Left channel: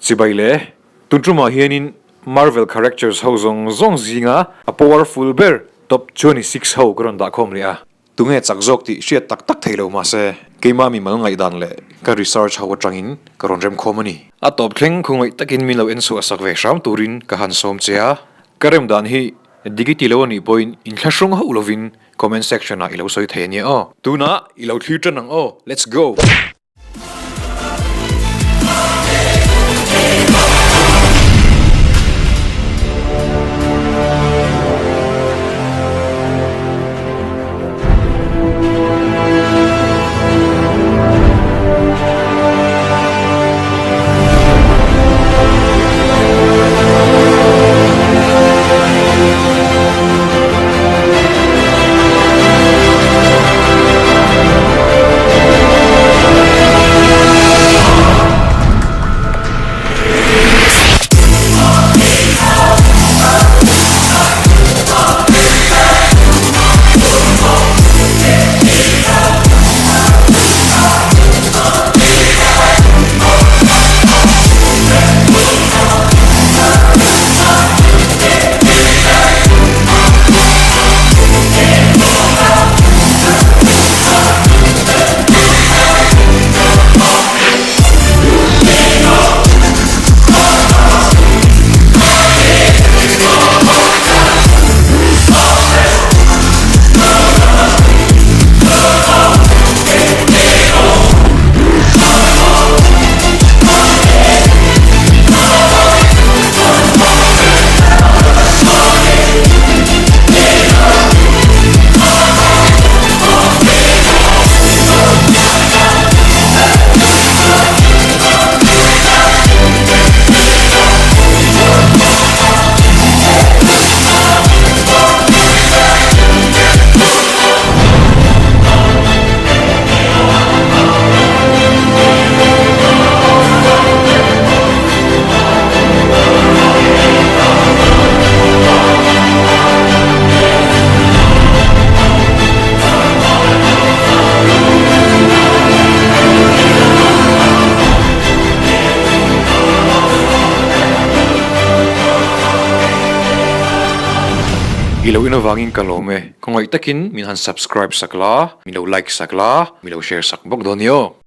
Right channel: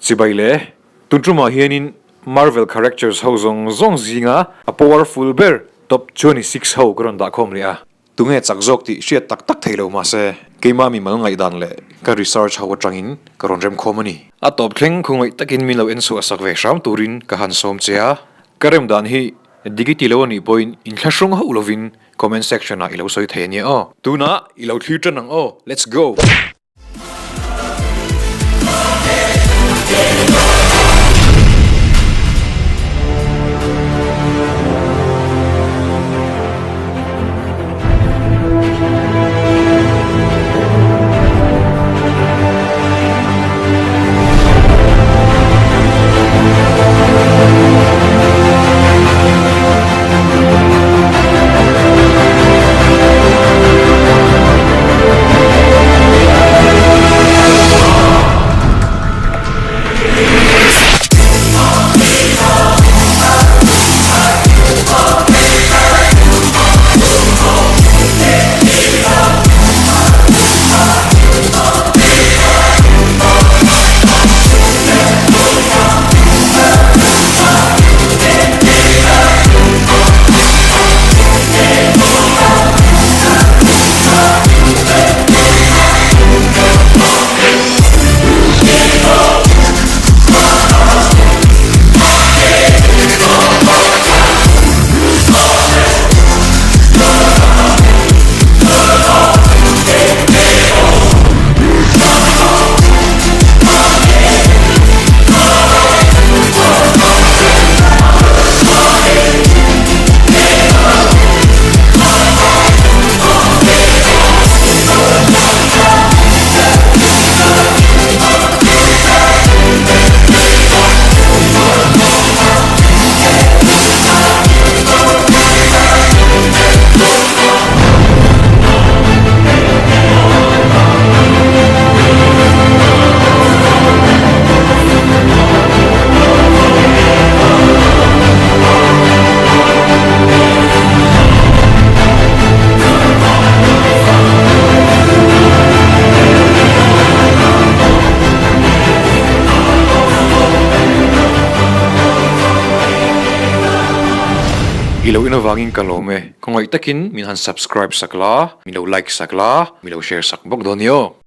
Sibayle, tuntruma hianin Marvel characters ho zong zinga a powerful bear top 26 ho karon da khom ria. Tunge chakjok ti shiat tak thailo ma se keima mi ma ngai dan le ka research ho atangin karon rem khomani. A top thleng khungoi takin milo ensu asak ve sham turin ka han som chea. Karem dan hi digitilo ni point in thlasung ho lovin comment section na ilo soi thenia o. Tuna ilo thlitan ang o. Let's go. Ilo inawangin kalome. Kung ay takin, minhan subscribe sakla, milo like sakla, milo share sakbog donyo.